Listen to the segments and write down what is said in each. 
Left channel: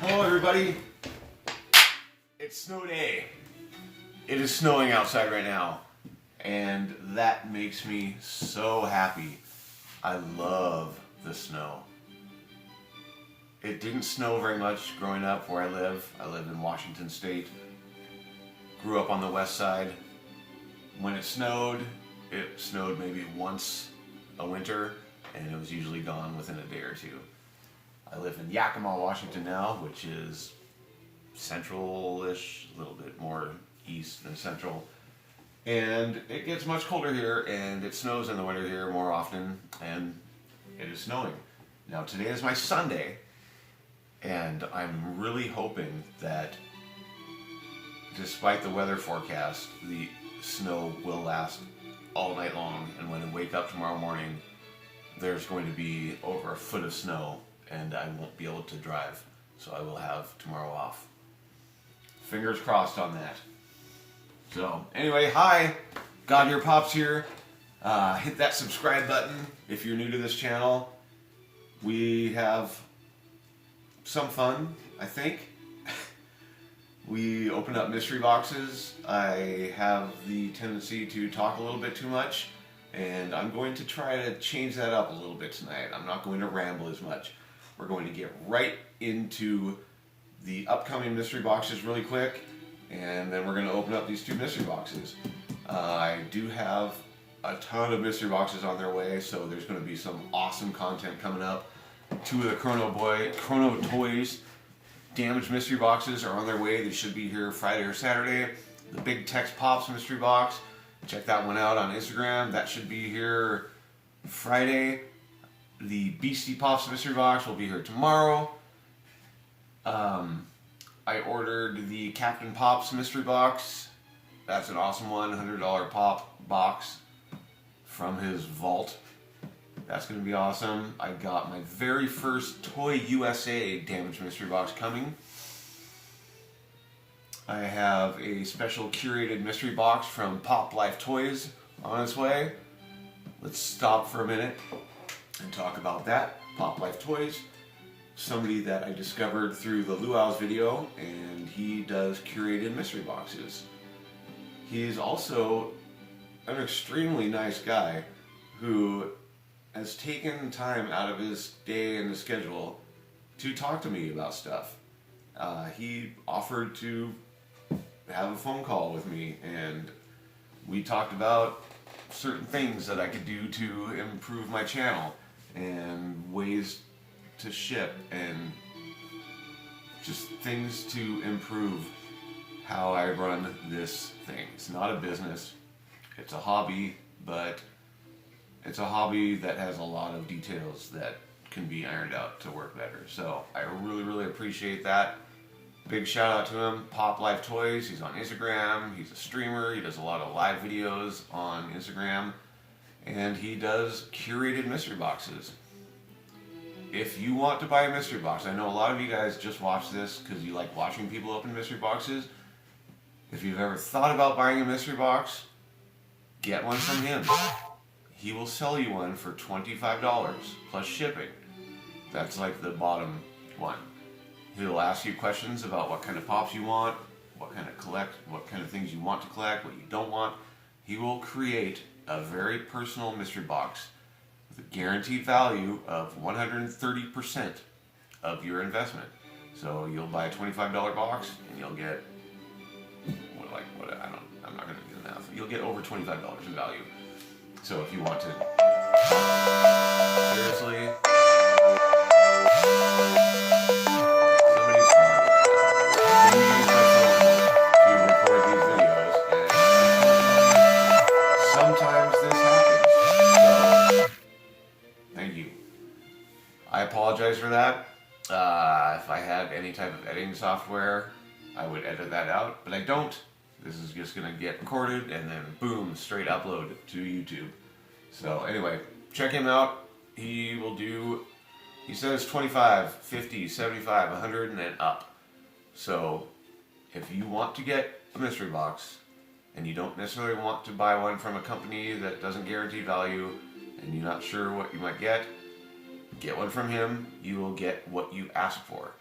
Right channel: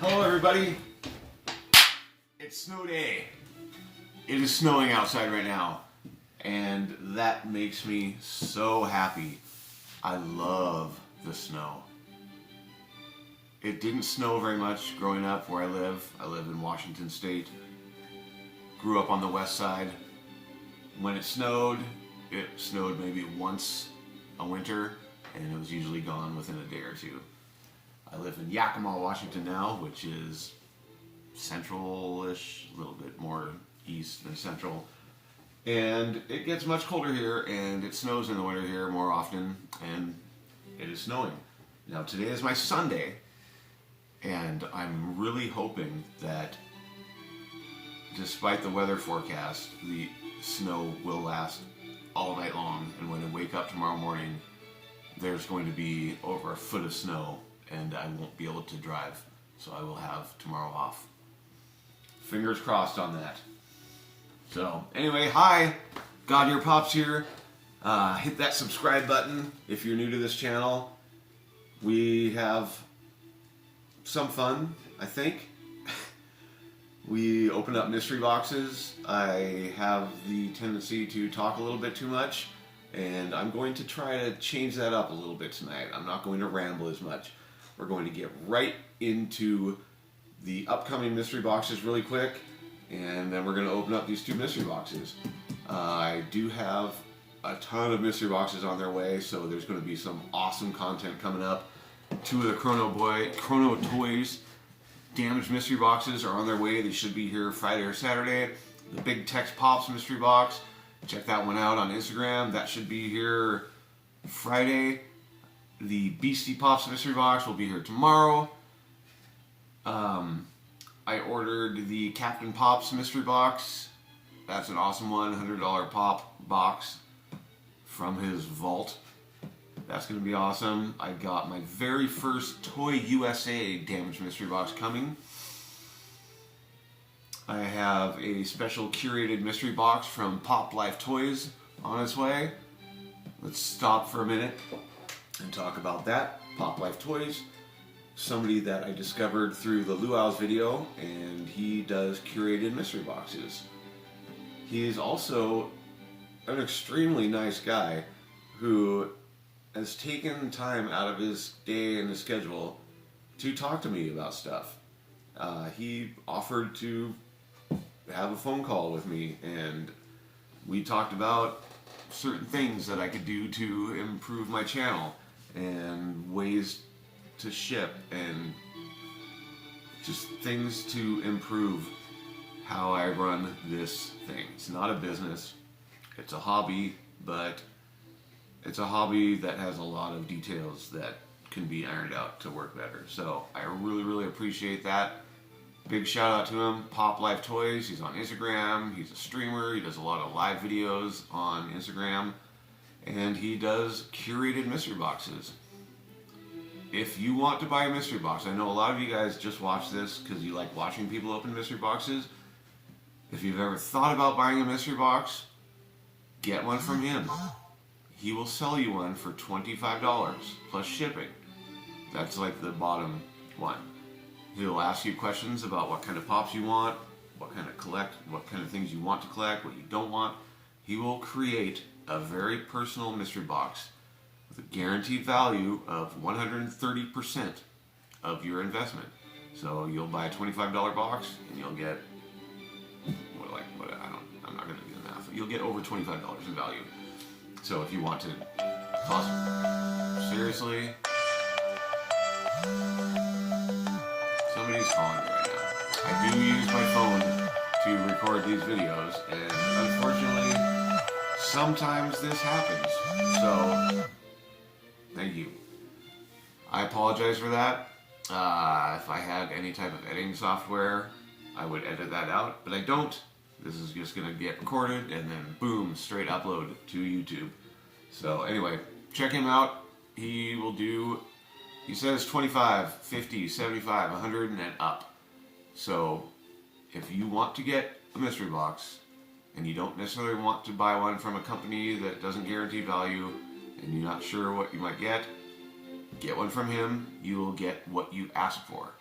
Hello everybody, it's snow day. It is snowing outside right now and that makes me so happy. I love the snow. It didn't snow very much growing up where I live. I live in Washington State. Grew up on the west side. When it snowed maybe once a winter and it was usually gone within a day or two. I live in Yakima, Washington now, which is central-ish, a little bit more east than central. And it gets much colder here, and it snows in the winter here more often, and it is snowing. Now today is my Sunday, and I'm really hoping that despite the weather forecast, the snow will last all night long, and when I wake up tomorrow morning, there's going to be over a foot of snow, and I won't be able to drive, so I will have tomorrow off. Fingers crossed on that. So anyway, hi, God Your Pops here. Hit that subscribe button if you're new to this channel. We have some fun, I think. We opened up mystery boxes. I have the tendency to talk a little bit too much, and I'm going to try to change that up a little bit tonight. I'm not going to ramble as much. We're going to get right into the upcoming mystery boxes really quick, and then we're going to open up these two mystery boxes. I do have a ton of mystery boxes on their way, so there's going to be some awesome content coming up. Two of the Chrono Toys damaged mystery boxes are on their way. They should be here Friday or Saturday. The Big Tex Pops mystery box, check that one out on Instagram. That should be here Friday. The Beastie Pops mystery box will be here tomorrow. I ordered the Captain Pops mystery box. That's an awesome one, $100 pop box from his vault. That's going to be awesome. I got my very first Toy USA damaged mystery box coming. I have a special curated mystery box from Pop Life Toys on its way. Let's stop for a minute and talk about that. Pop Life Toys, somebody that I discovered through the Luau's video, and he does curated mystery boxes. He is also an extremely nice guy who has taken time out of his day and his schedule to talk to me about stuff. He offered to have a phone call with me, and we talked about certain things that I could do to improve my channel and ways to ship and just things to improve how I run this thing. It's not a business, it's a hobby, but it's a hobby that has a lot of details that can be ironed out to work better. So I really appreciate that. Big shout out to him, Pop Life Toys. He's on Instagram, he's a streamer, he does a lot of live videos on Instagram, and he does curated mystery boxes. If you want to buy a mystery box, I know a lot of you guys just watch this because you like watching people open mystery boxes. If you've ever thought about buying a mystery box, get one from him. He will sell you one for $25 plus shipping. That's like the bottom one. He'll ask you questions about what kind of pops you want, what kind of things you want to collect, what you don't want. He will create a very personal mystery box with a guaranteed value of 130% of your investment. So you'll buy a $25 box and you'll get I'm not going to do the math. You'll get over $25 in value. So if you want to talk seriously, somebody's calling right now. I do use my phone to record these videos, and unfortunately, sometimes this happens. So, thank you. I apologize for that. If I had any type of editing software, I would edit that out, but I don't. This is just going to get recorded and then boom, straight upload to YouTube. So anyway, check him out. He will do, he says 25, 50, 75, 100 and then up. So if you want to get a mystery box and you don't necessarily want to buy one from a company that doesn't guarantee value and you're not sure what you might get one from him. You will get what you ask for.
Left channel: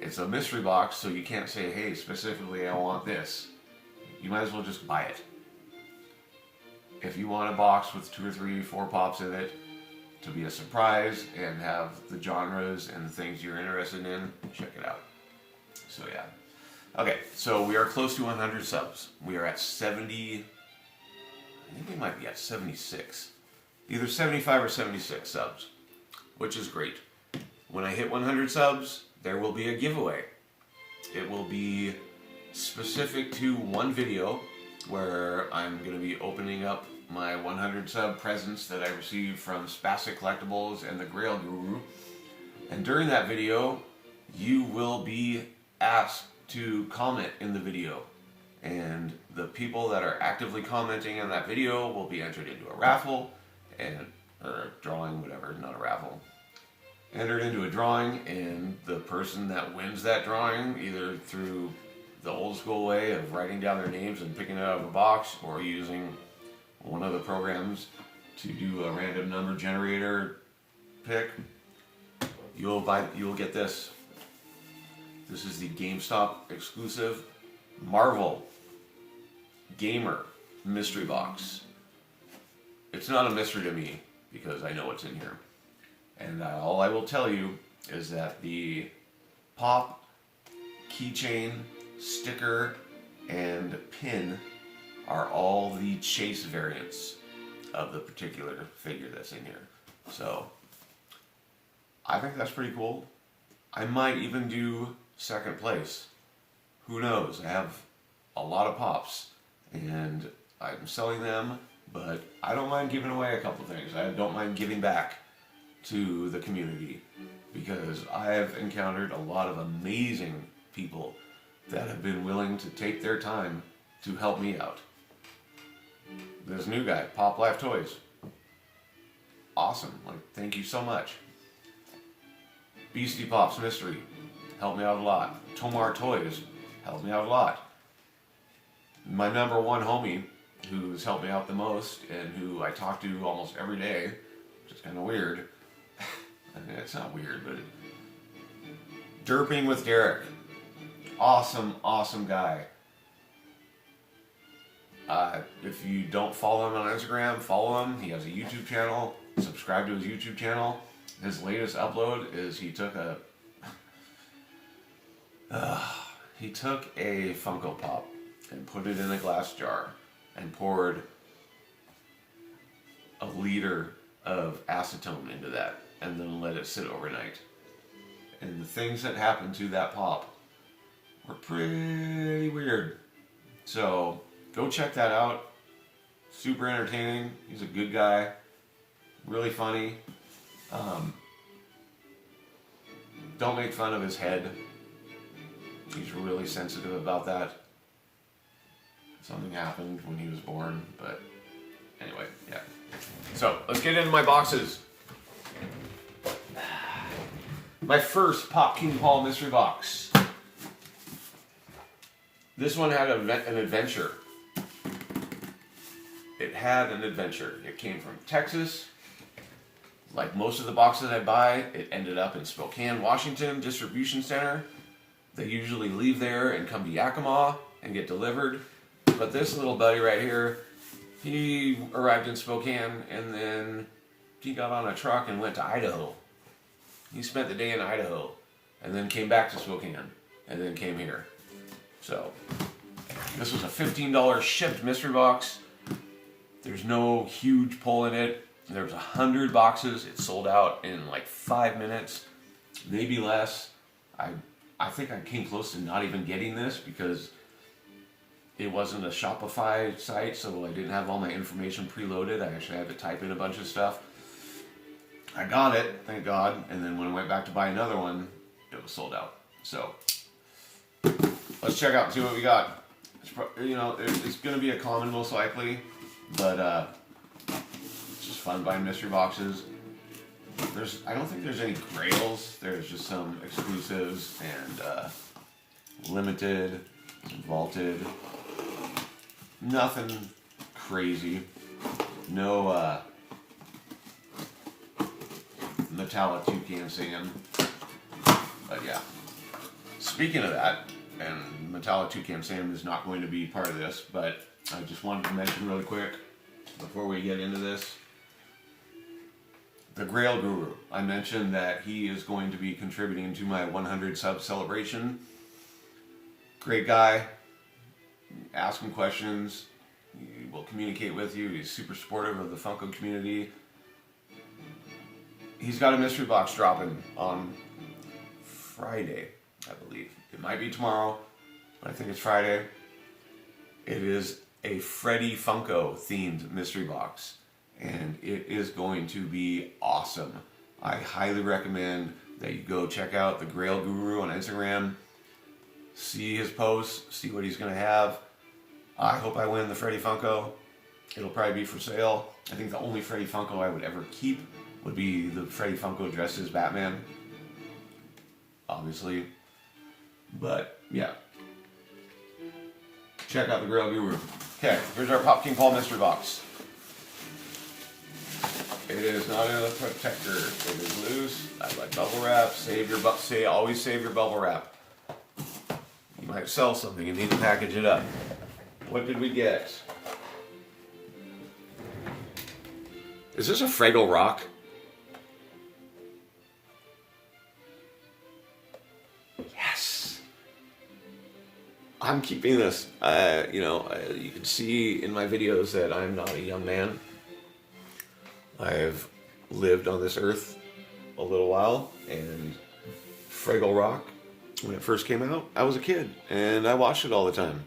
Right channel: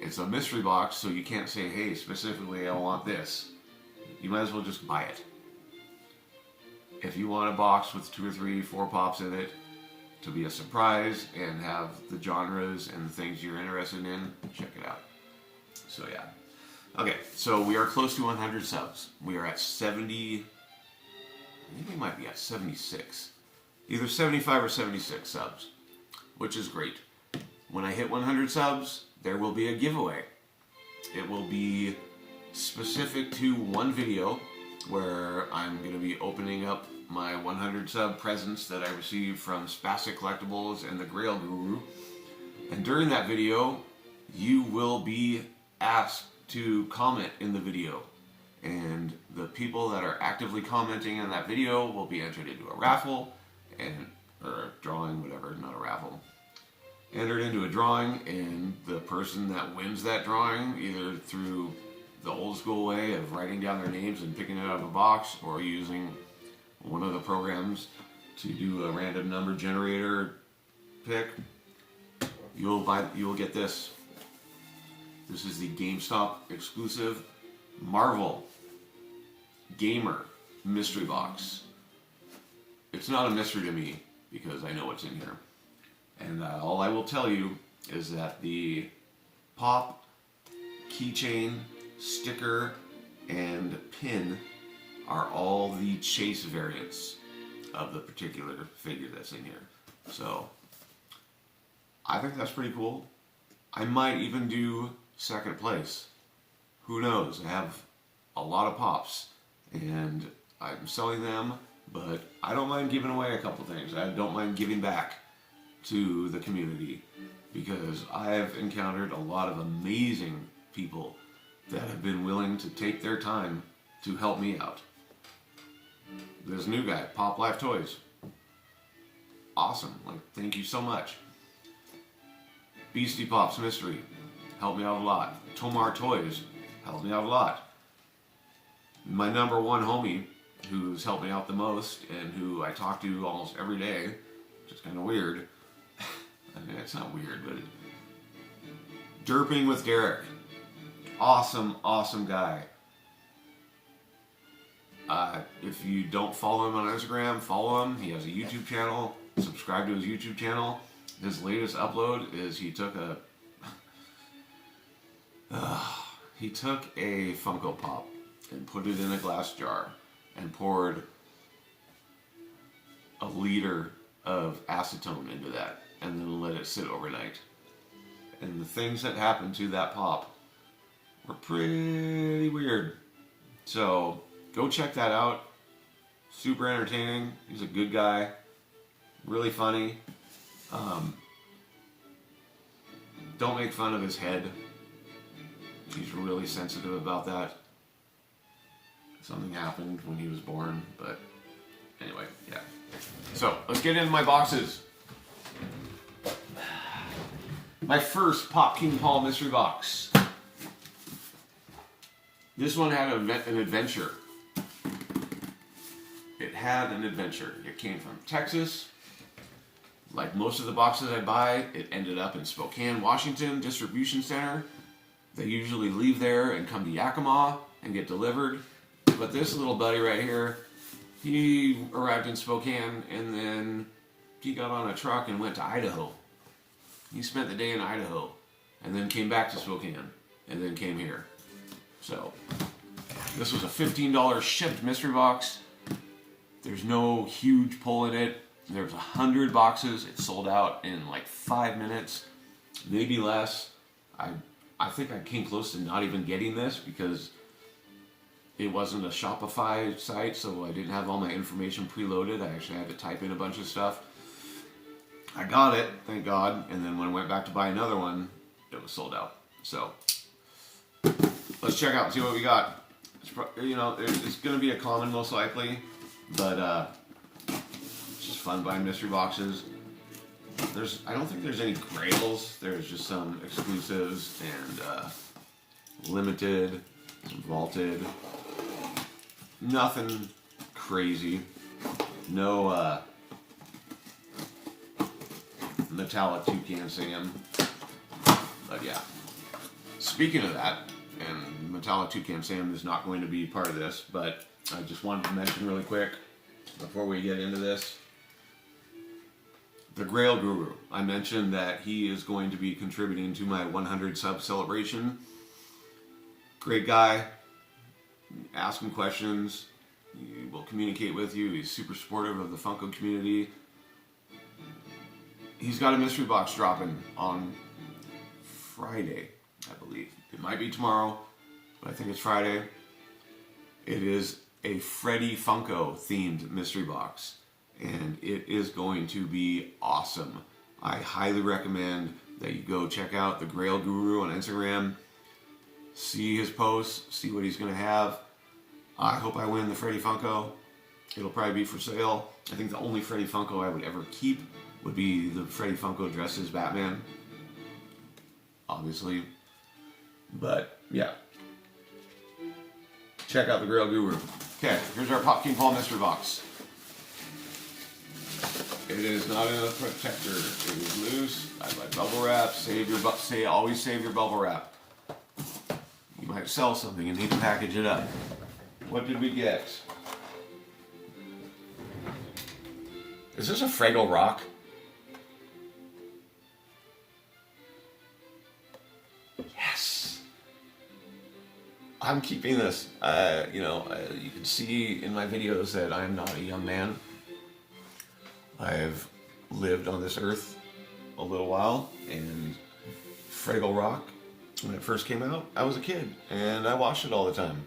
it's a mystery box, so you can't say, hey, specifically I want this. You might as well just buy it. If you want a box with 2 or 3, 4 pops in it to be a surprise and have the genres and the things you're interested in, check it out. So yeah. Okay, so we are close to 100 subs. We are at 70, I think we might be at 76. Either 75 or 76 subs, which is great. When I hit 100 subs, there will be a giveaway. It will be specific to one video where I'm going to be opening up my 100 sub presents that I received from Spastic Collectibles and the Grail Guru. And during that video, you will be asked to comment in the video. And the people that are actively commenting in that video will be entered into a raffle, or a drawing, whatever, not a raffle. Entered into a drawing, and the person that wins that drawing, either through the old school way of writing down their names and picking it out of a box, or using one of the programs to do a random number generator pick, you will get this. This is the GameStop exclusive Marvel Gamer mystery box. It's not a mystery to me because I know what's in here. And all I will tell you is that the pop, keychain, sticker, and pin are all the chase variants of the particular figure that's in here. So I think that's pretty cool. I might even do second place. Who knows? I have a lot of pops and I'm selling them, but I don't mind giving away a couple things. I don't mind giving back to the community because I have encountered a lot of amazing people that have been willing to take their time to help me out. This new guy, Pop Life Toys. Awesome. Like, thank you so much. Beastie Pops Mystery helped me out a lot. Tomar Toys helped me out a lot. My number one homie, who's helped me out the most and who I talk to almost every day, which is kind of weird. I mean, it's not weird, but Derping with Derek. Awesome, awesome guy. If you don't follow him on Instagram, follow him. He has a YouTube channel. Subscribe to his YouTube channel. His latest upload is he took a Funko Pop and put it in a glass jar and poured a liter of acetone into that and then let it sit overnight. And the things that happened to that pop were pretty weird. So go check that out. Super entertaining. He's a good guy. Really funny. Don't make fun of his head. He's really sensitive about that. Something happened when he was born, but anyway, yeah. So let's get into my boxes. My first Pop King Paul mystery box. This one had an adventure. It had an adventure. It came from Texas. Like most of the boxes I buy, it ended up in Spokane, Washington distribution center. They usually leave there and come to Yakima and get delivered. But this little buddy right here, he arrived in Spokane and then he got on a truck and went to Idaho. He spent the day in Idaho and then came back to Spokane and then came here. So this was a $15 shipped mystery box. There's no huge pull in it. There was 100 boxes. It sold out in like 5 minutes, maybe less. I think I came close to not even getting this because it wasn't a Shopify site, so I didn't have all my information preloaded. I actually had to type in a bunch of stuff. I got it, thank God, and then when I went back to buy another one, it was sold out. So let's check out and see what we got. It's going to be a common most likely, but it's just fun buying mystery boxes. I don't think there's any grails. There's just some exclusives and limited, some vaulted. Nothing crazy. No metallic toucan singing. But yeah. Speaking of that, and Metallic Toucan Sam is not going to be part of this, but I just wanted to mention really quick before we get into this. The Grail Guru. I mentioned that he is going to be contributing to my 100 sub celebration. Great guy. Ask him questions. He will communicate with you. He's super supportive of the Funko community. He's got a mystery box dropping on Friday, I believe. It might be tomorrow, but I think it's Friday. It is a Freddy Funko themed mystery box, and it is going to be awesome. I highly recommend that you go check out the Grail Guru on Instagram, see his posts, see what he's going to have. I hope I win the Freddy Funko. It'll probably be for sale. I think the only Freddy Funko I would ever keep would be the Freddy Funko dressed as Batman. Obviously. But, yeah. Check out the Grail Guru. Okay, here's our Pop King Paul mystery box. It is not in a protector. It is loose. I like bubble wrap. Always save your bubble wrap. You might sell something. You need to package it up. What did we get? Is this a Fraggle Rock? Yes. I'm keeping this. You can see in my videos that I'm not a young man. I've lived on this earth a little while, and Fraggle Rock, when it first came out, I was a kid, and I watched it all the time.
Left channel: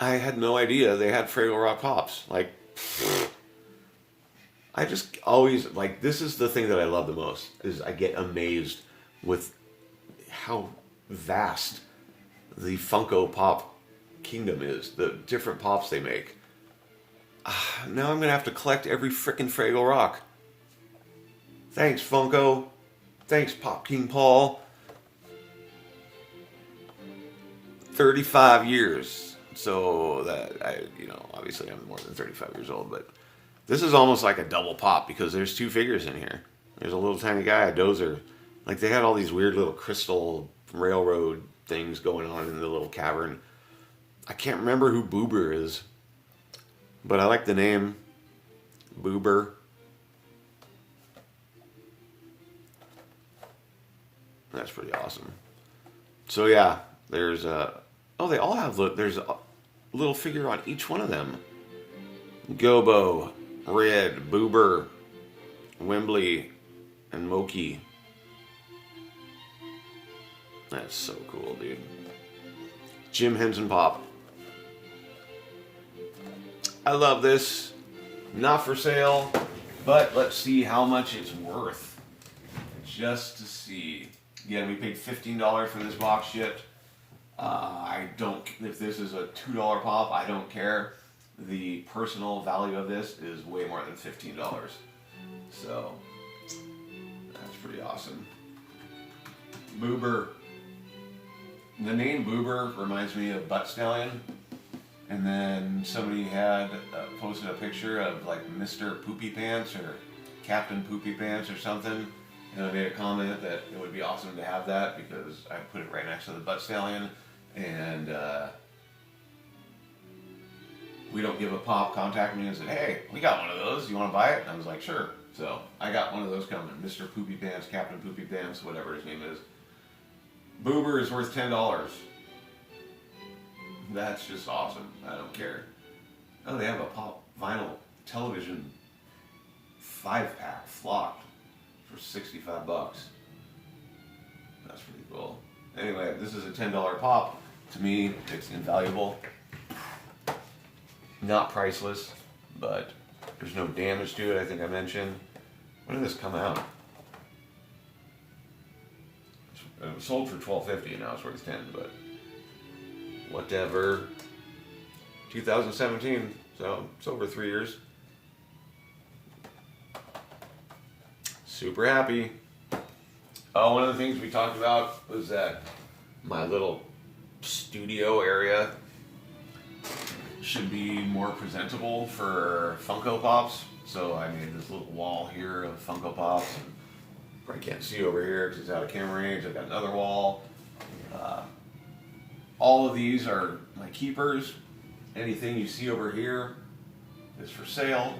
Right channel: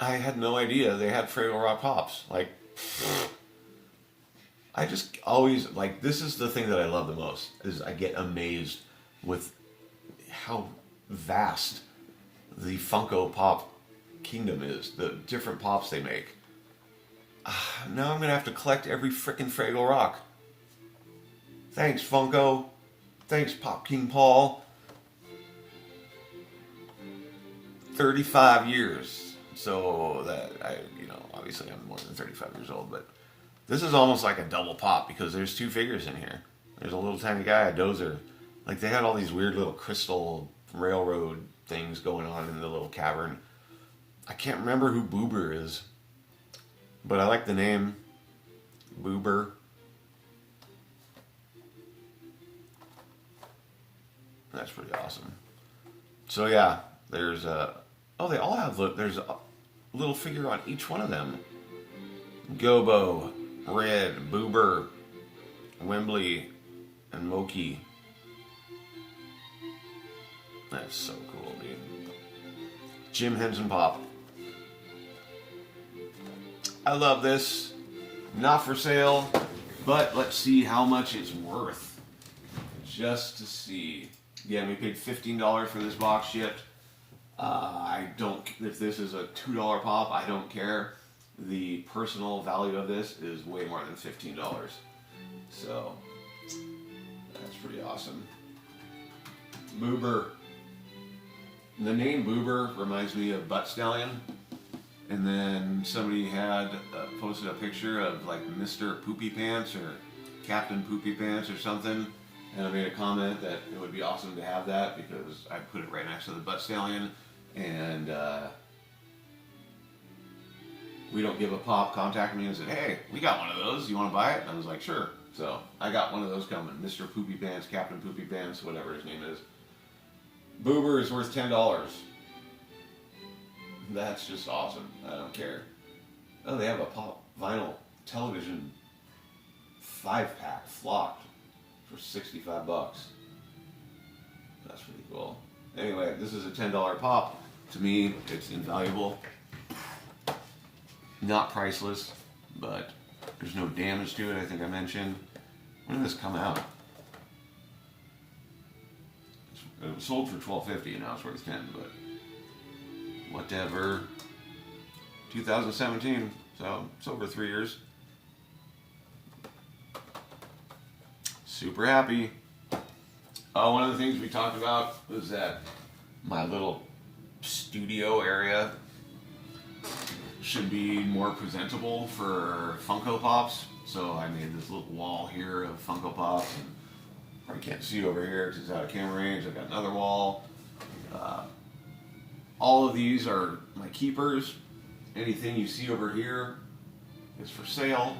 I had no idea they had Fraggle Rock Pops. Like, I just always, like, this is the thing that I love the most, is I get amazed with how vast the Funko Pop kingdom is, the different Pops they make. Now I'm going to have to collect every frickin' Fraggle Rock. Thanks, Funko. Thanks, Pop King Paul. 35 years. So that, obviously I'm more than 35 years old, but this is almost like a double pop because there's two figures in here. There's a little tiny guy, a dozer. Like, they had all these weird little crystal railroad things going on in the little cavern. I can't remember who Boober is, but I like the name Boober. That's pretty awesome. So yeah, there's they all have, there's a little figure on each one of them. Gobo, Red, Boober, Wembley, and Moki. That's so cool, dude. Jim Henson Pop. I love this. Not for sale, but let's see how much it's worth. Just to see. Again, we paid $15 for this box shipped. If this is a $2 pop, I don't care. The personal value of this is way more than $15. So, that's pretty awesome. Boober. The name Boober reminds me of Butt Stallion. And then somebody had posted a picture of like Mr. Poopy Pants or Captain Poopy Pants or something. And I made a comment that it would be awesome to have that because I put it right next to the Butt Stallion. And We Don't Give a Pop contacted me and said, hey, we got one of those. You want to buy it? And I was like, sure. So I got one of those coming. Mr. Poopy Pants, Captain Poopy Pants, whatever his name is. Boober is worth $10. That's just awesome. I don't care. Oh, they have a pop vinyl television 5-pack flocked for $65. That's pretty cool. Anyway, this is a $10 pop. To me, it's invaluable. Not priceless, but there's no damage to it, I think I mentioned. When did this come out? It was sold for $12.50 and now it's worth $10, but whatever. 2017, so it's over 3 years. Super happy. Oh, one of the things we talked about was that my little studio area should be more presentable for Funko Pops. So I made this little wall here of Funko Pops. And Probably can't see over here because it's out of camera range. I've got another wall. All of these are my keepers. Anything you see over here is for sale.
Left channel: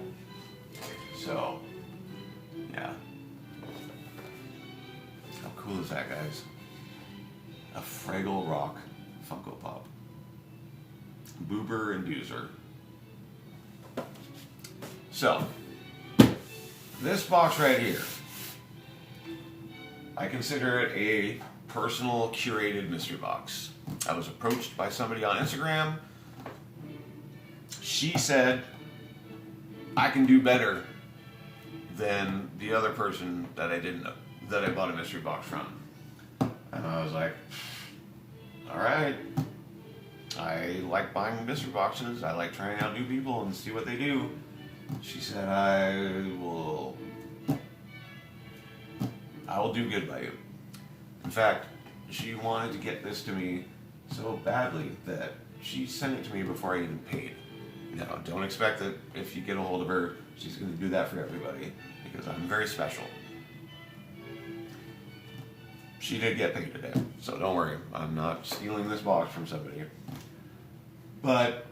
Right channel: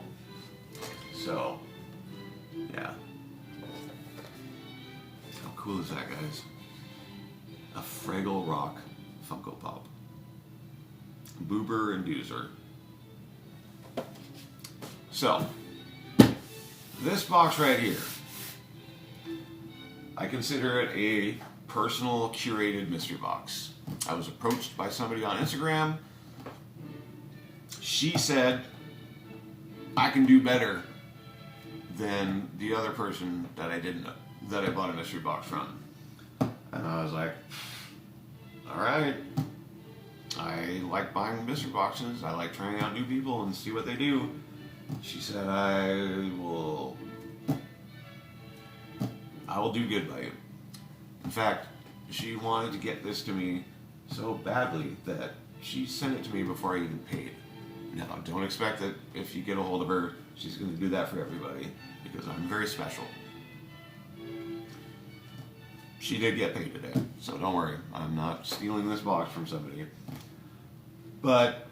So, yeah. How cool is that, guys? A Fraggle Rock Funko Pop. Boober and Doozer. So, this box right here, I consider it a personal curated mystery box. I was approached by somebody on Instagram. She said, I can do better than the other person that I didn't know, that I bought a mystery box from. And I was like, all right. I like buying mystery boxes. I like trying out new people and see what they do. She said, I will do good by you. In fact, she wanted to get this to me so badly that she sent it to me before I even paid. Now, don't expect that if you get a hold of her, she's going to do that for everybody, because I'm very special. She did get paid today, so don't worry. I'm not stealing this box from somebody. But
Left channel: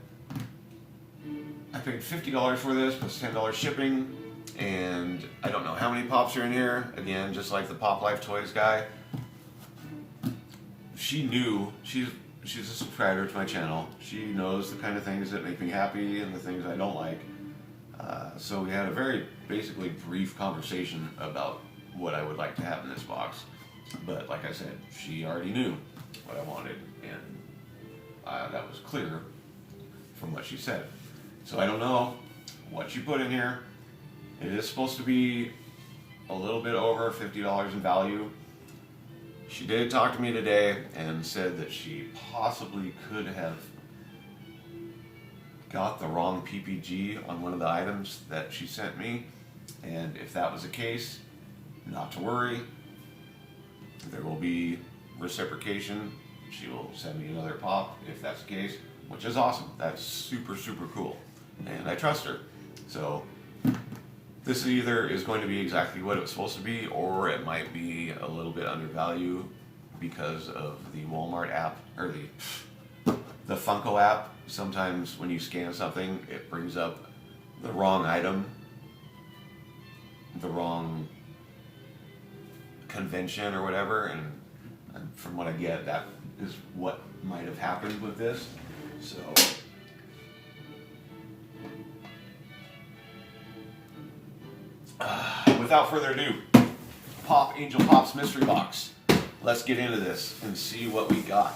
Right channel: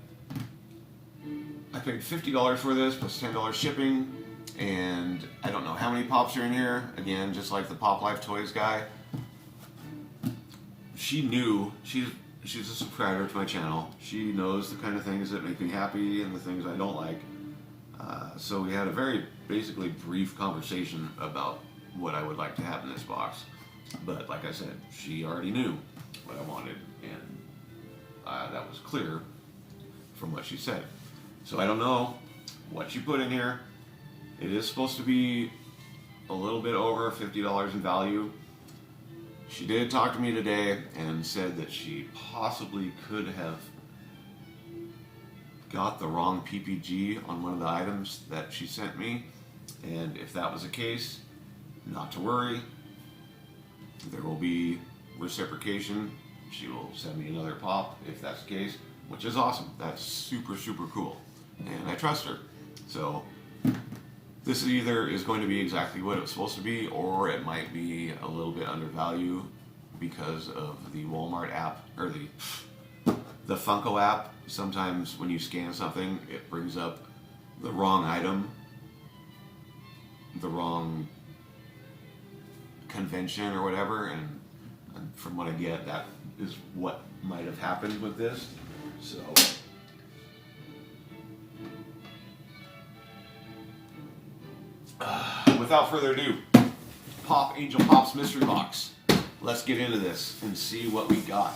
I paid $50 for this, plus $10 shipping, and I don't know how many pops are in here. Again, just like the Pop Life Toys guy. She knew, she's a subscriber to my channel. She knows the kind of things that make me happy and the things I don't like. So we had a very basically brief conversation about what I would like to have in this box. But like I said, she already knew what I wanted, and that was clear from what she said. So I don't know what she put in here. It is supposed to be a little bit over $50 in value. She did talk to me today and said that she possibly could have got the wrong PPG on one of the items that she sent me. And if that was the case, not to worry. There will be reciprocation. She will send me another pop if that's the case, which is awesome. That's super, super cool. And I trust her. So this either is going to be exactly what it was supposed to be, or it might be a little bit undervalued because of the Walmart app, or the Funko app. Sometimes when you scan something, it brings up the wrong item, the wrong convention or whatever, and from what I get, that is what might have happened with this. So without further ado, Pop Angel Pop's mystery box. Let's get into this and see what we got.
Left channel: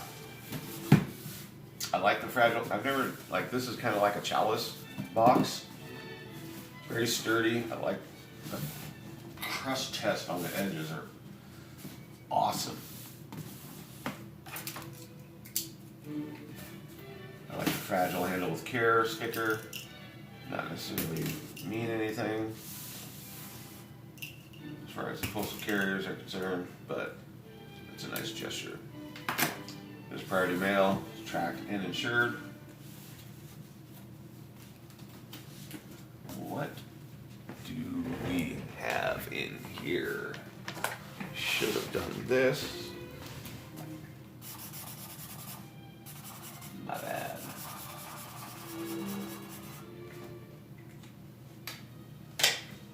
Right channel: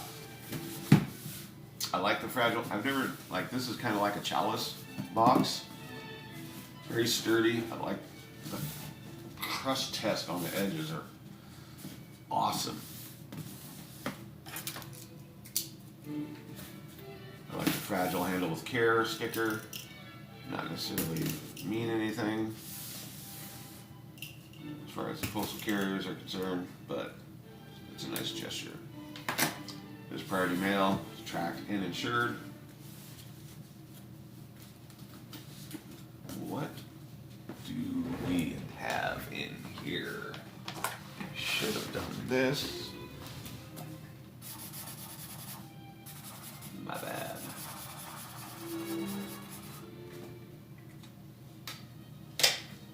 I like the fragile. I've never, like, this is kind of like a chalice box. It's very sturdy. I like the crust test on the edges are awesome. I like the fragile handle with care sticker. Not necessarily mean anything as far as the postal carriers are concerned, but it's a nice gesture. There's priority mail, tracked and insured. What do we have in here? Should have done this. My bad.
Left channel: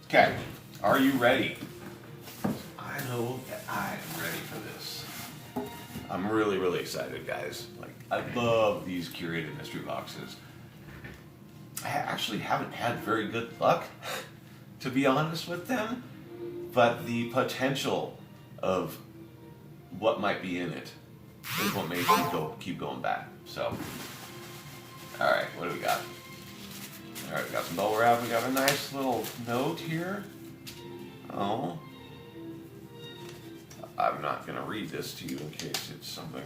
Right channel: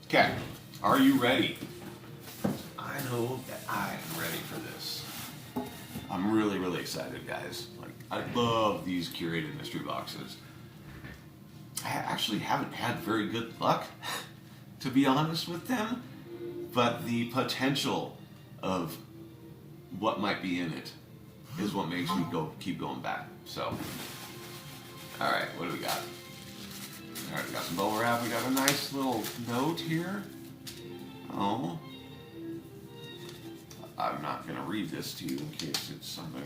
Okay, are you ready? I know that I am ready for this. I'm really, really excited, guys. Like, I love these curated mystery boxes. I actually haven't had very good luck, to be honest with them, but the potential of what might be in it is what makes me keep going back. So, all right, what do we got? All right, we got some bubble wrap. We got a nice little note here. Oh, I'm not going to read this to you in case it's something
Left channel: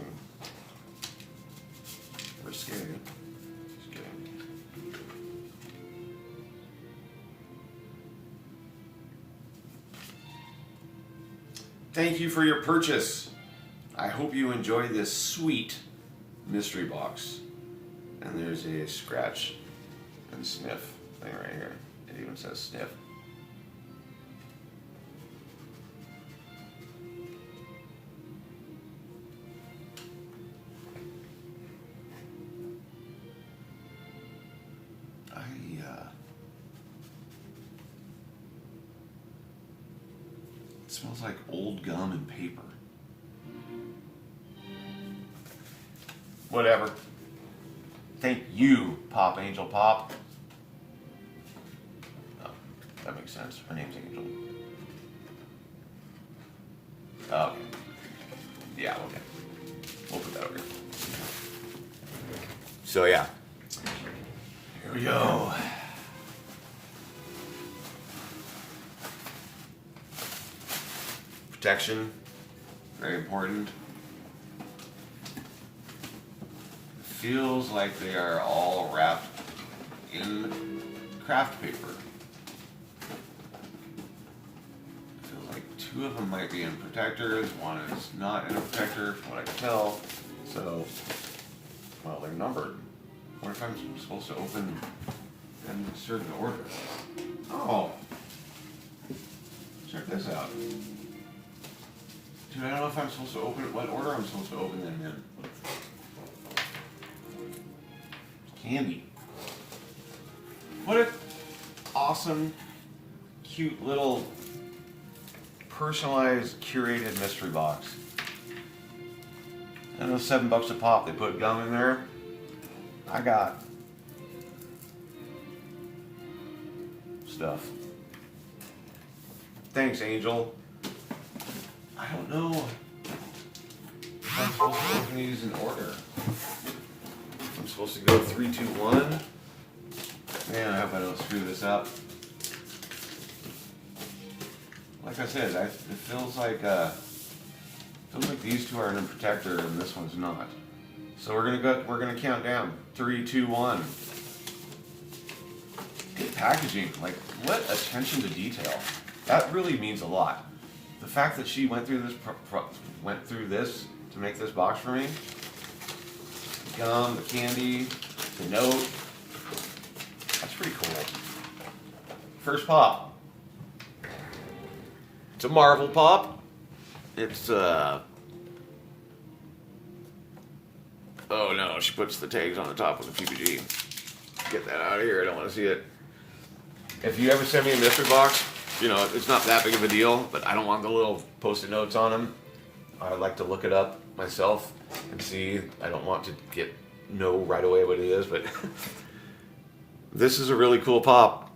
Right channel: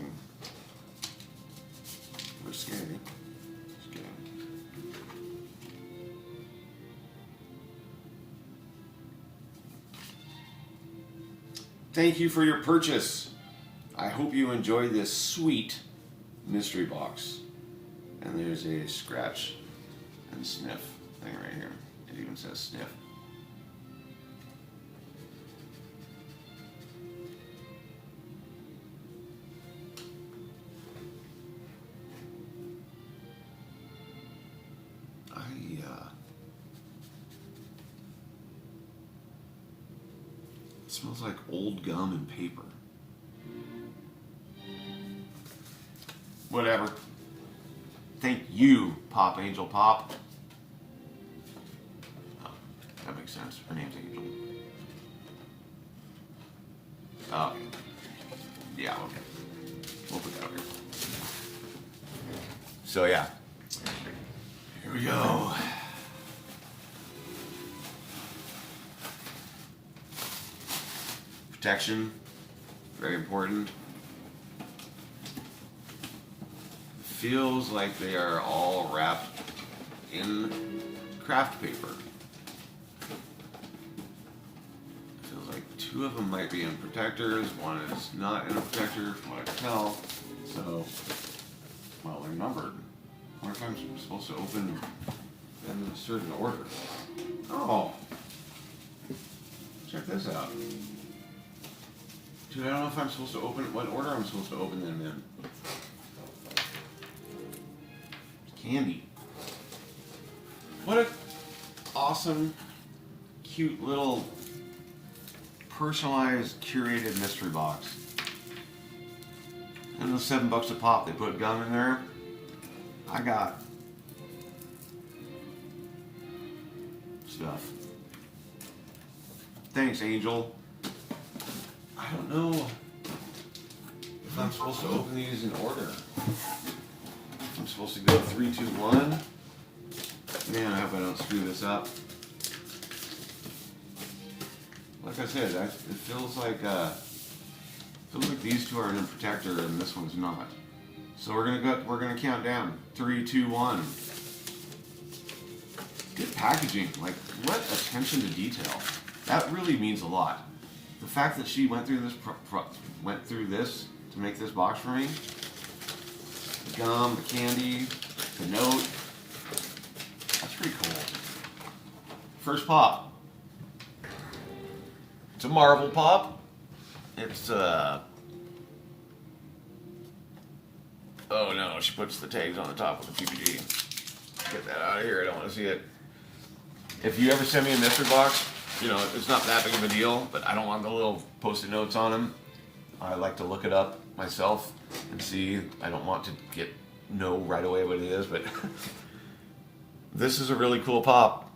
risque. Just kidding. Thank you for your purchase. I hope you enjoyed this sweet mystery box. And there's a scratch and sniff thing right here. It even says sniff. It smells like old gum and paper. Whatever. Thank you, Pop Angel Pop. Oh, that makes sense. My name's Angel. Oh, yeah, okay. We'll put that over here. So, yeah. Here we go. Protection, very important. Feels like they are all wrapped in craft paper. Feels like 2 of them might be in protectors, 1 is not in a protector, from what I can tell. So, well, they're numbered. I wonder if I'm supposed to open them in a certain order. Oh, check this out. Dude, I don't know if I'm supposed to open it, what order I'm supposed to open them in. Candy. What an awesome, cute little personalized, curated mystery box. And those $7 a pop. They put gum in there. I got stuff. Thanks, Angel. I don't know if I'm supposed to open these in order. I'm supposed to go 3, 2, 1. Man, I hope I don't screw this up. Like I said, it feels like these 2 are in a protector and this one's not. So we're gonna count down 3, 2, 1. Good packaging, like what attention to detail. That really means a lot. The fact that she went through this to make this box for me. The gum, the candy, the note. That's pretty cool. First pop. It's a Marvel pop. It's oh no, she puts the tags on the top of the PPG. Get that out of here, I don't want to see it. If you ever send me a mystery box, you know, it's not that big of a deal, but I don't want the little post-it notes on them. I like to look it up myself and see. I don't want to know right away what it is, but this is a really cool pop.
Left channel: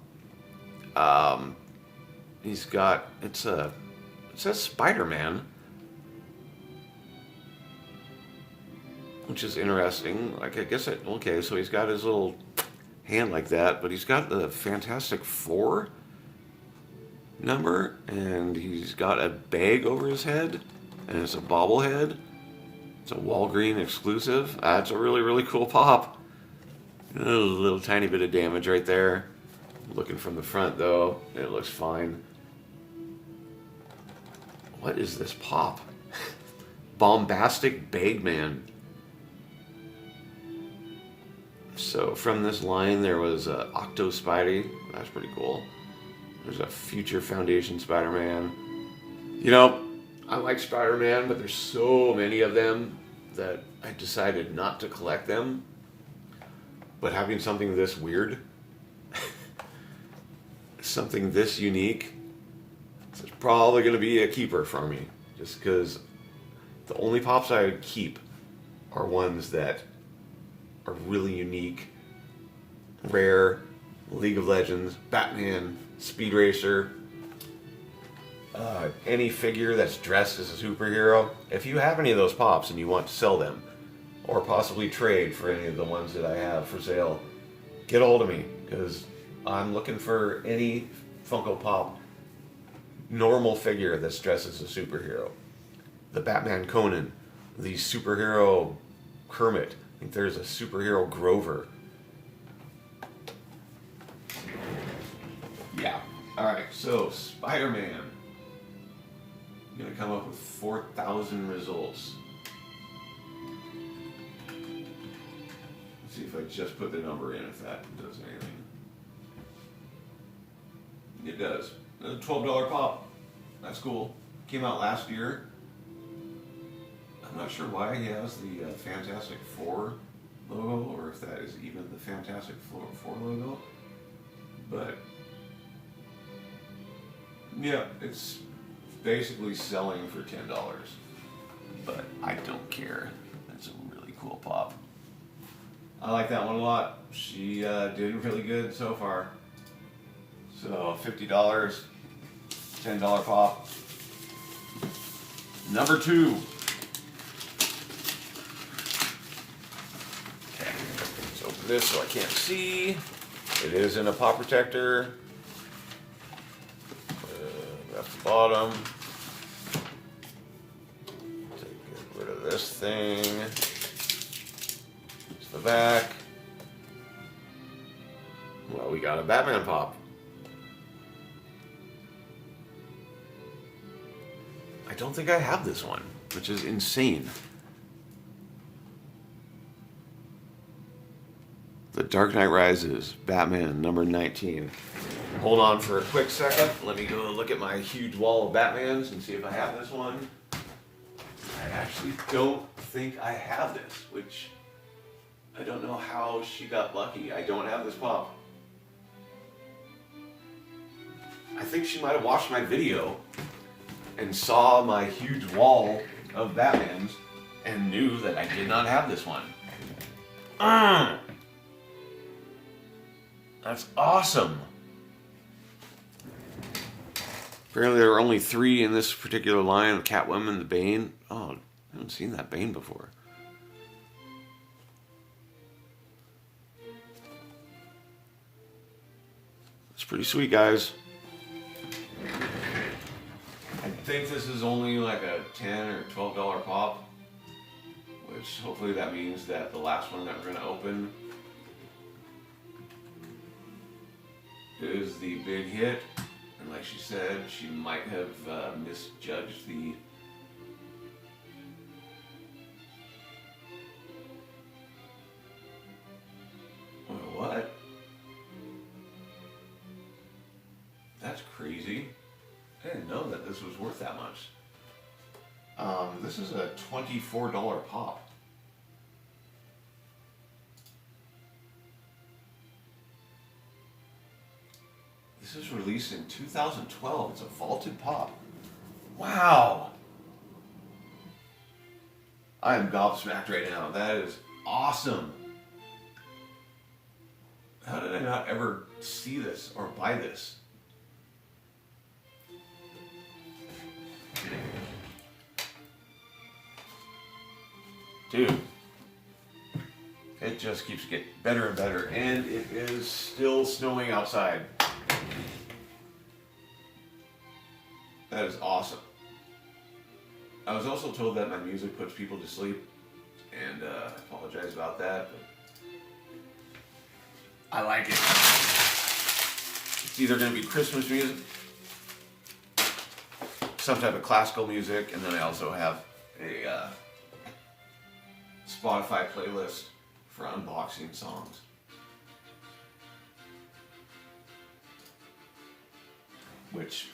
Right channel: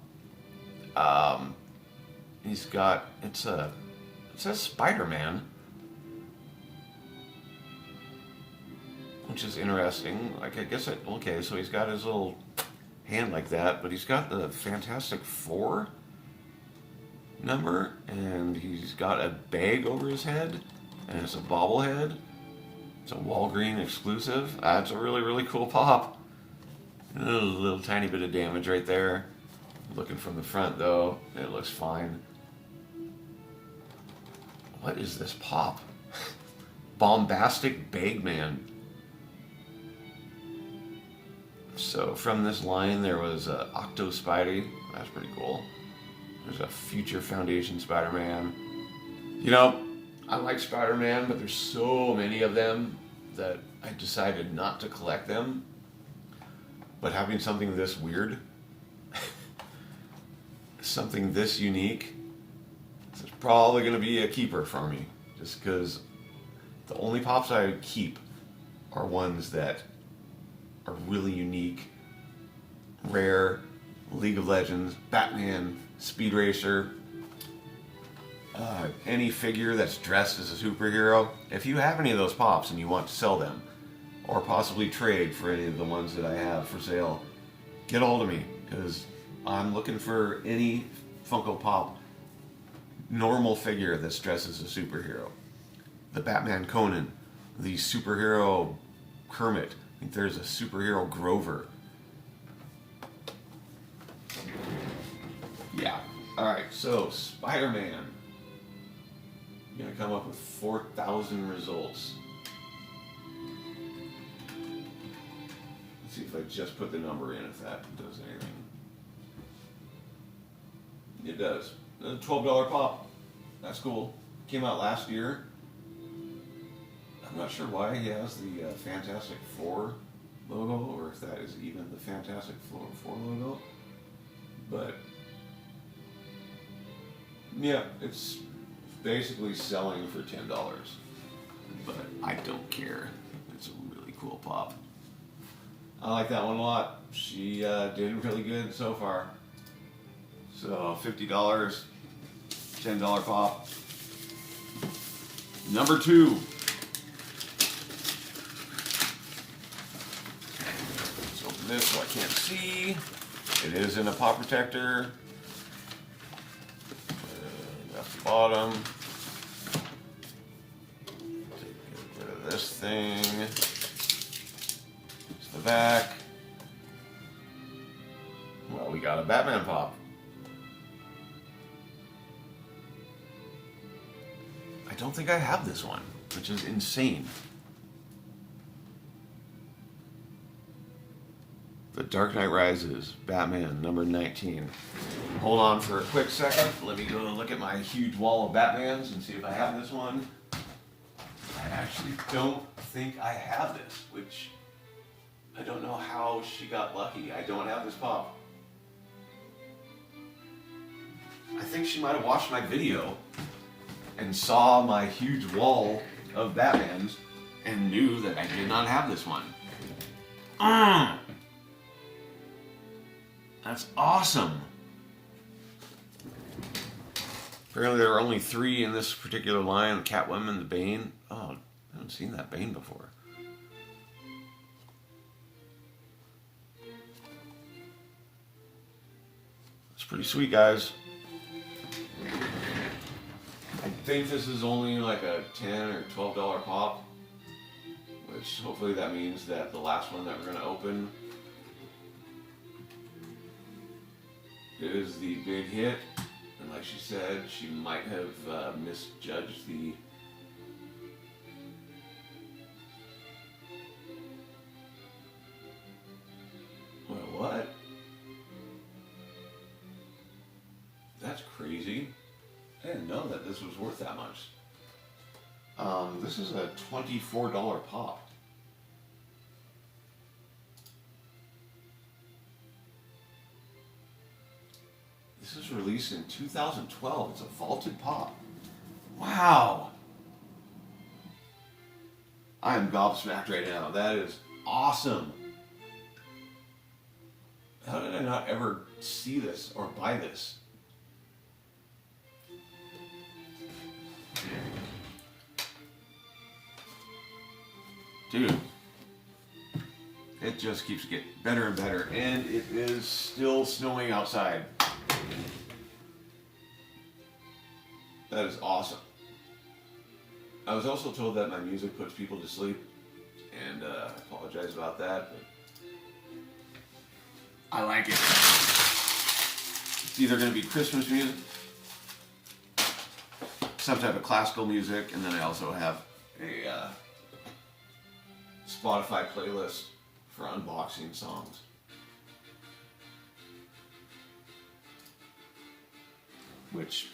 He's got, it says Spider-Man, which is interesting. Like, I guess okay, so he's got his little hand like that, but he's got the Fantastic Four number, and he's got a bag over his head, and it's a bobblehead. It's a Walgreens exclusive. That's a really, really cool pop. A little tiny bit of damage right there. Looking from the front, though, it looks fine. What is this pop? Bombastic Bagman. So from this line, there was Octo Spidey. That's pretty cool. There's a Future Foundation Spider-Man. You know, I like Spider-Man, but there's so many of them that I decided not to collect them. But having something this weird, something this unique, it's probably going to be a keeper for me. Just because the only pops I would keep are ones that are really unique, rare, League of Legends, Batman, Speed Racer, any figure that's dressed as a superhero. If you have any of those pops and you want to sell them, or possibly trade for any of the ones that I have for sale, get a hold of me, because I'm looking for any Funko Pop normal figure that's dressed as a superhero. The Batman Conan, the superhero Kermit, I think there's a superhero Grover. Yeah. Alright, so Spider-Man. I'm going to come up with 4,000 results. Let's see if I just put the number in, if that does anything. It does. A $12 pop. That's cool. Came out last year. I'm not sure why he has the Fantastic Four logo, or if that is even the Fantastic Four logo. But yeah, it's basically selling for $10, but I don't care. That's a really cool pop. I like that one a lot. She did really good so far. So $50, $10 pop. Number 2. Okay, let's open this so I can't see. It is in a pop protector. That's the bottom. Get rid of this thing. It's the back. Well, we got a Batman pop. I don't think I have this one, which is insane. The Dark Knight Rises, Batman, number 19. Hold on for a quick second. Let me go look at my huge wall of Batmans and see if I have this one. I actually don't think I have this, which I don't know how she got lucky. I don't have this pop. I think she might have watched my video and saw my huge wall of Batmans and knew that I did not have this one. That's awesome. Apparently there are only 3 in this particular line, Catwoman, the Bane. Oh, I haven't seen that Bane before. It's pretty sweet, guys. I think this is only like a $10 or $12 pop, which hopefully that means that the last one that we're going to open is the big hit. And like she said, she might have misjudged the what? That's crazy. I didn't know that this was worth that much. This is a $24 pop. This was released in 2012. It's a vaulted pop. Wow. I'm gobsmacked right now. That is awesome. How did I not ever see this or buy this? Dude, it just keeps getting better and better, and it is still snowing outside. That is awesome. I was also told that my music puts people to sleep, and I apologize about that, but I like it. It's either going to be Christmas music, some type of classical music, and then I also have a Spotify playlist for unboxing songs. Which,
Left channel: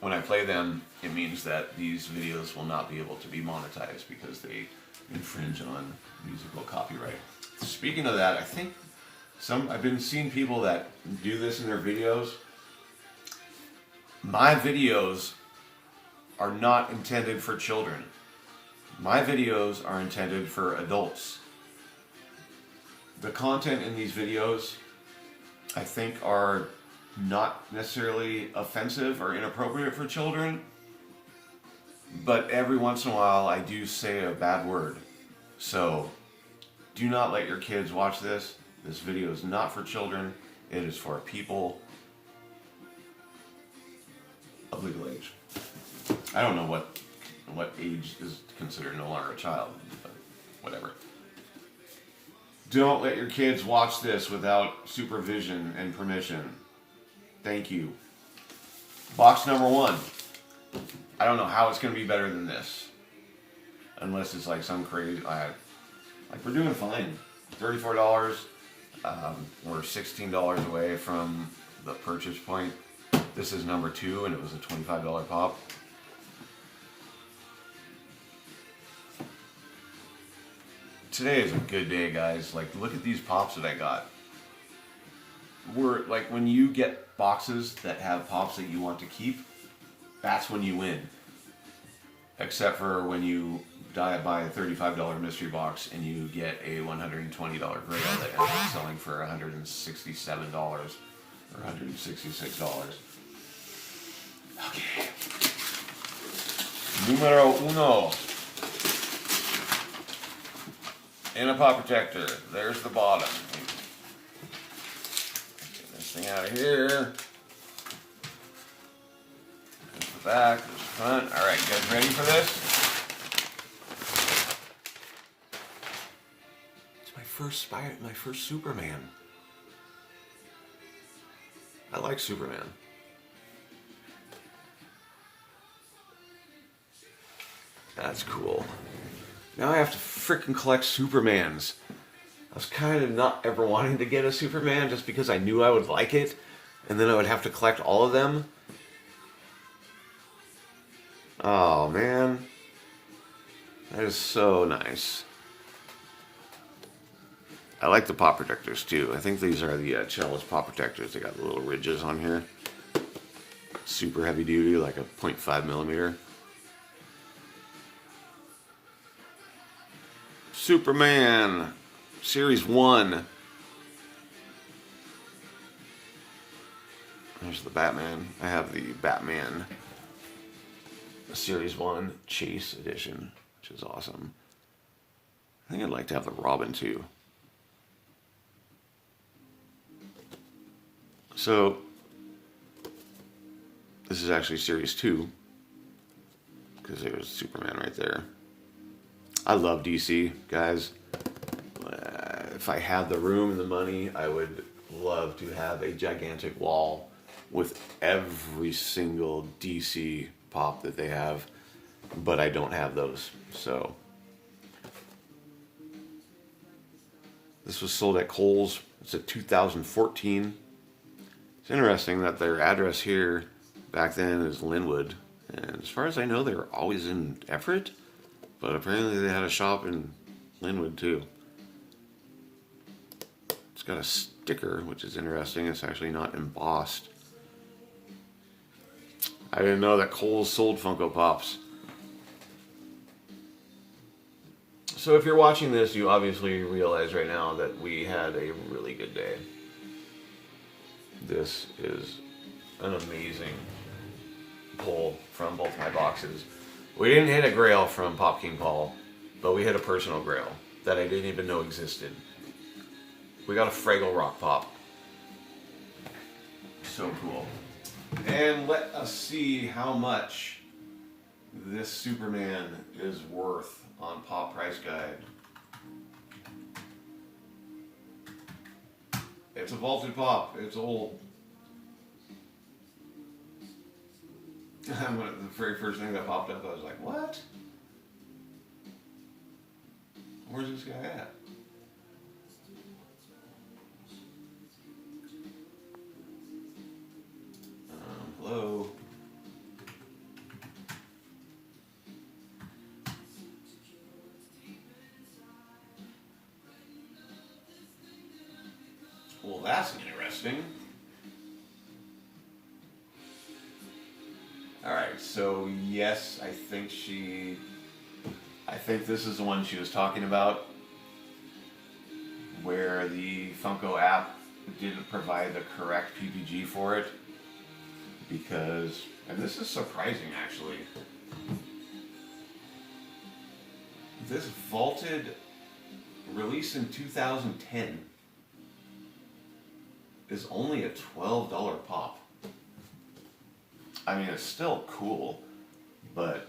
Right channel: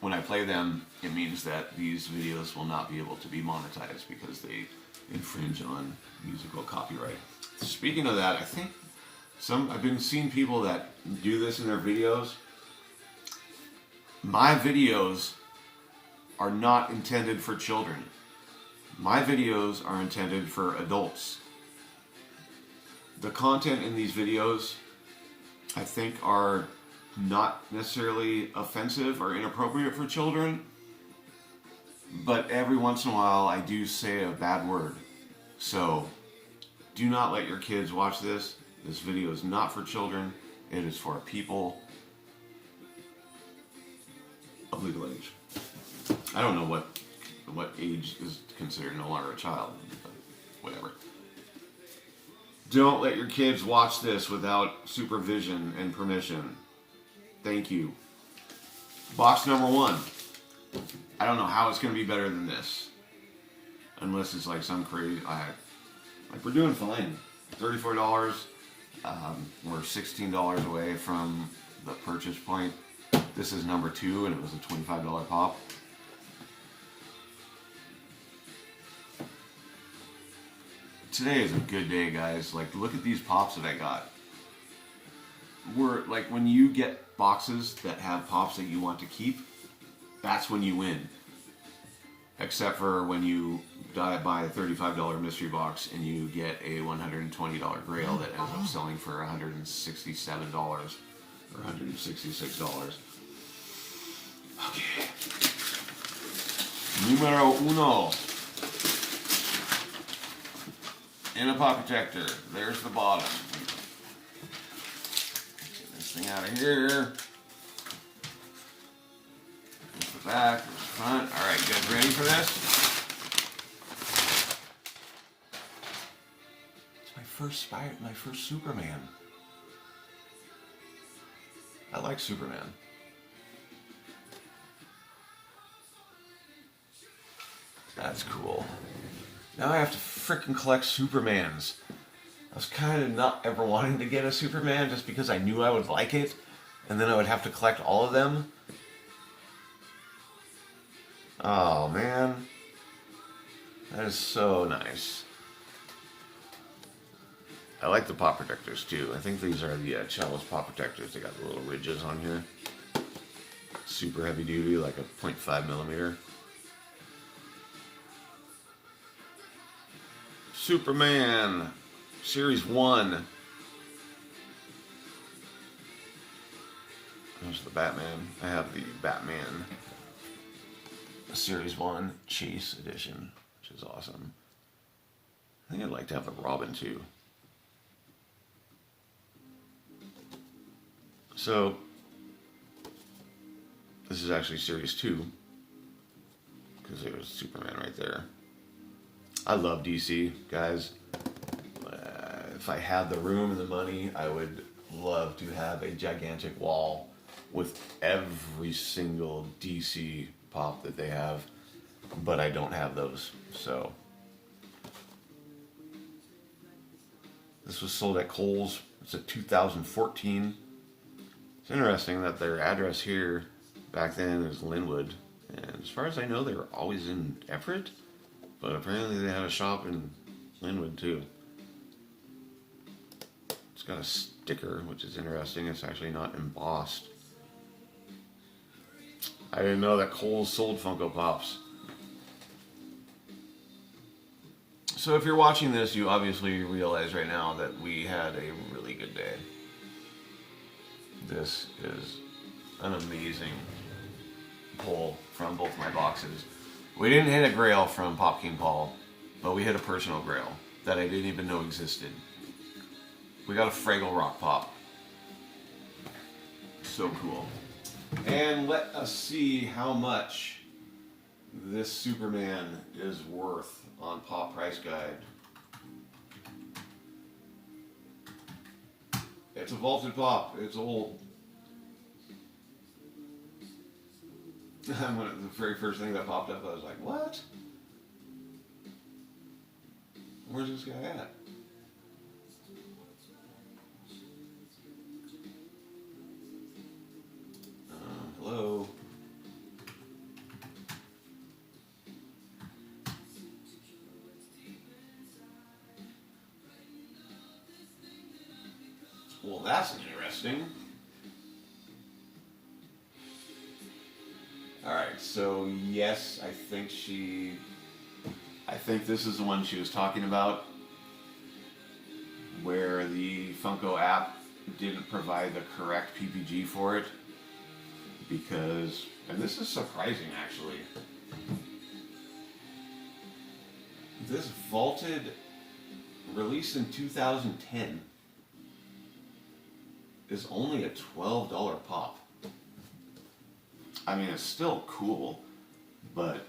when I play them, it means that these videos will not be able to be monetized because they infringe on musical copyright. Speaking of that, I think I've been seeing people that do this in their videos. My videos are not intended for children. My videos are intended for adults. The content in these videos, I think, are not necessarily offensive or inappropriate for children, but every once in a while I do say a bad word. So do not let your kids watch this. This video is not for children. It is for people of legal age. I don't know what age is considered no longer a child, but whatever. Don't let your kids watch this without supervision and permission. Thank you. Box number 1. I don't know how it's going to be better than this. Unless it's like some crazy... like, we're doing fine. $34. We're $16 away from the purchase point. This is number 2, and it was a $25 pop. Today is a good day, guys. Like, look at these pops that I got. We're like, when you get boxes that have pops that you want to keep, that's when you win. except for when you buy a $35 mystery box and you get a $120 Grail that ends up selling for $167 or $166. Okay. Numero uno. In a pop protector. There's the bottom. Get this thing out of here. There's the back. There's the front. Alright, you guys ready for this? My first Superman. I like Superman. That's cool. Now I have to frickin' collect Supermans. I was kind of not ever wanting to get a Superman just because I knew I would like it, and then I would have to collect all of them. Oh man. That is so nice. I like the pop protectors too. I think these are the Chalice pop protectors. They got the little ridges on here. Super heavy duty, like a 0.5 millimeter. Superman Series 1. There's the Batman. I have the Batman Series 1 Chase Edition, which is awesome. I think I'd like to have the Robin too. So, this is actually Series 2, because there's Superman right there. I love DC, guys. If I had the room and the money, I would love to have a gigantic wall with every single DC pop that they have, but I don't have those, so. This was sold at Kohl's. It's a 2014. It's interesting that their address here back then is Linwood, and as far as I know, they were always in Everett, but apparently they had a shop in Linwood too. It's got a sticker, which is interesting. It's actually not embossed. I didn't know that Kohl's sold Funko Pops. So if you're watching this, you obviously realize right now that we had a really good day. This is an amazing pull from both my boxes. We didn't hit a Grail from Pop King Paul, but we hit a personal Grail that I didn't even know existed. We got a Fraggle Rock Pop. So cool. And let us see how much this Superman is worth on Pop Price Guide. It's a vaulted pop. It's old. The very first thing that popped up, I was like, what? Where's this guy at? Hello? Well, that's interesting. Alright, so yes, I think this is the one she was talking about, where the Funko app didn't provide the correct PPG for it, because, and this is surprising actually, this vaulted release in 2010 is only a $12 pop. I mean, it's still cool, but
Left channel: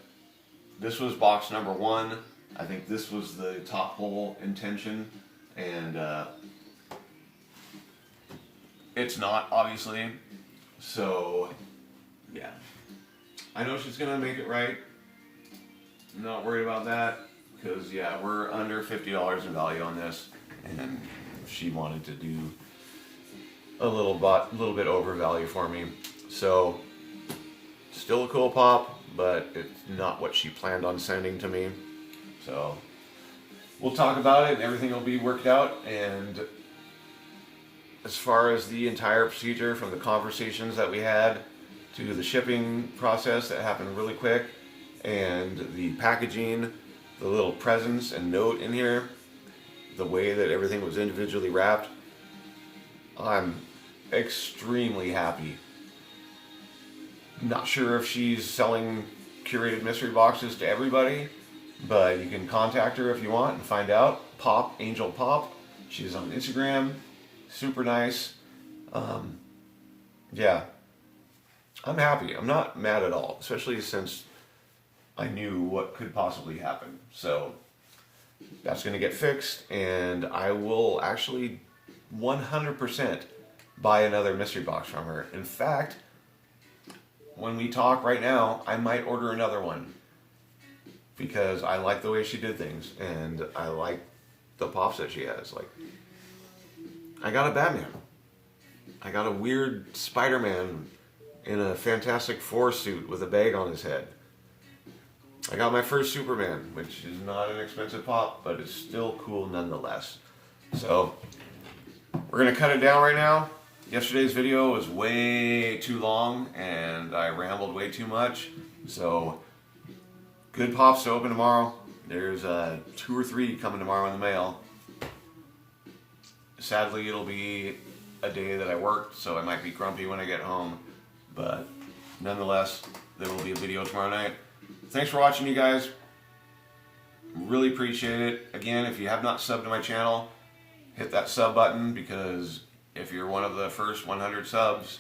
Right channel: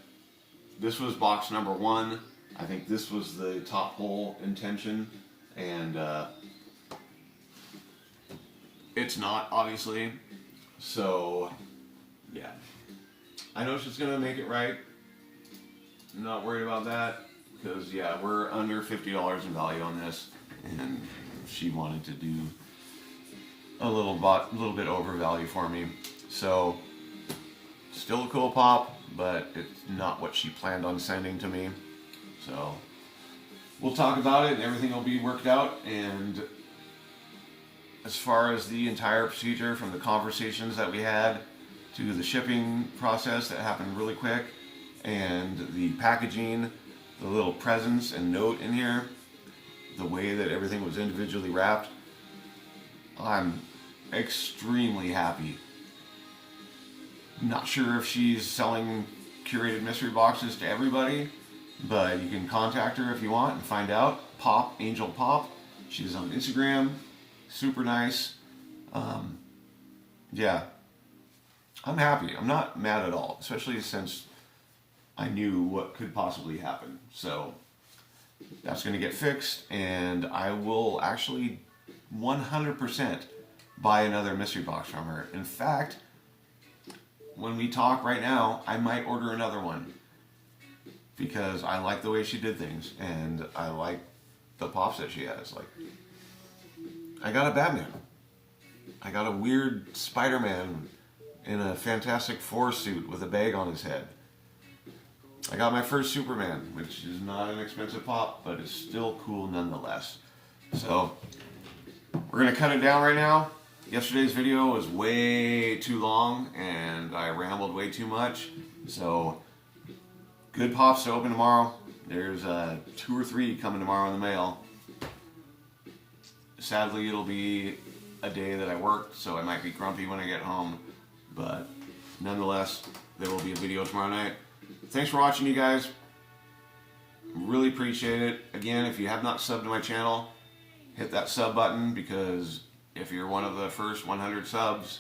this was box number 1. I think this was the top hole intention, and it's not, obviously. So, yeah. I know she's going to make it right. I'm not worried about that, because, yeah, we're under $50 in value on this, and she wanted to do a little bit over value for me. So, still a cool pop, but it's not what she planned on sending to me. So, we'll talk about it and everything will be worked out. And as far as the entire procedure, from the conversations that we had to the shipping process that happened really quick, And the packaging, the little presents and note in here, the way that everything was individually wrapped, I'm extremely happy. Not sure if she's selling curated mystery boxes to everybody, but you can contact her if you want and find out. Pop, Angel Pop. She's on Instagram. Super nice. Yeah. I'm happy. I'm not mad at all, especially since I knew what could possibly happen. So that's going to get fixed, and I will actually 100% buy another mystery box from her. In fact, when we talk right now, I might order another one because I like the way she did things, and I like the pops that she has. Like, I got a Batman. I got a weird Spider-Man in a Fantastic Four suit with a bag on his head. I got my first Superman, which is not an expensive pop, but it's still cool nonetheless. So, we're going to cut it down right now. Yesterday's video was way too long, and I rambled way too much. So, good pops to open tomorrow. There's 2 or 3 coming tomorrow in the mail. Sadly, it'll be a day that I worked, so I might be grumpy when I get home. But nonetheless, there will be a video tomorrow night. Thanks for watching, you guys. Really appreciate it. Again, if you have not subbed to my channel, hit that sub button, because if you're one of the first 100 subs,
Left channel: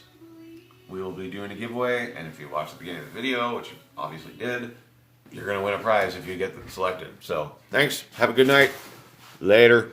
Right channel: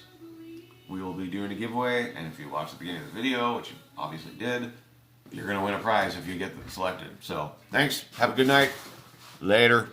we will be doing a giveaway. And if you watch the beginning of the video, which you obviously did, you're going to win a prize if you get selected. So, thanks. Have a good night. Later.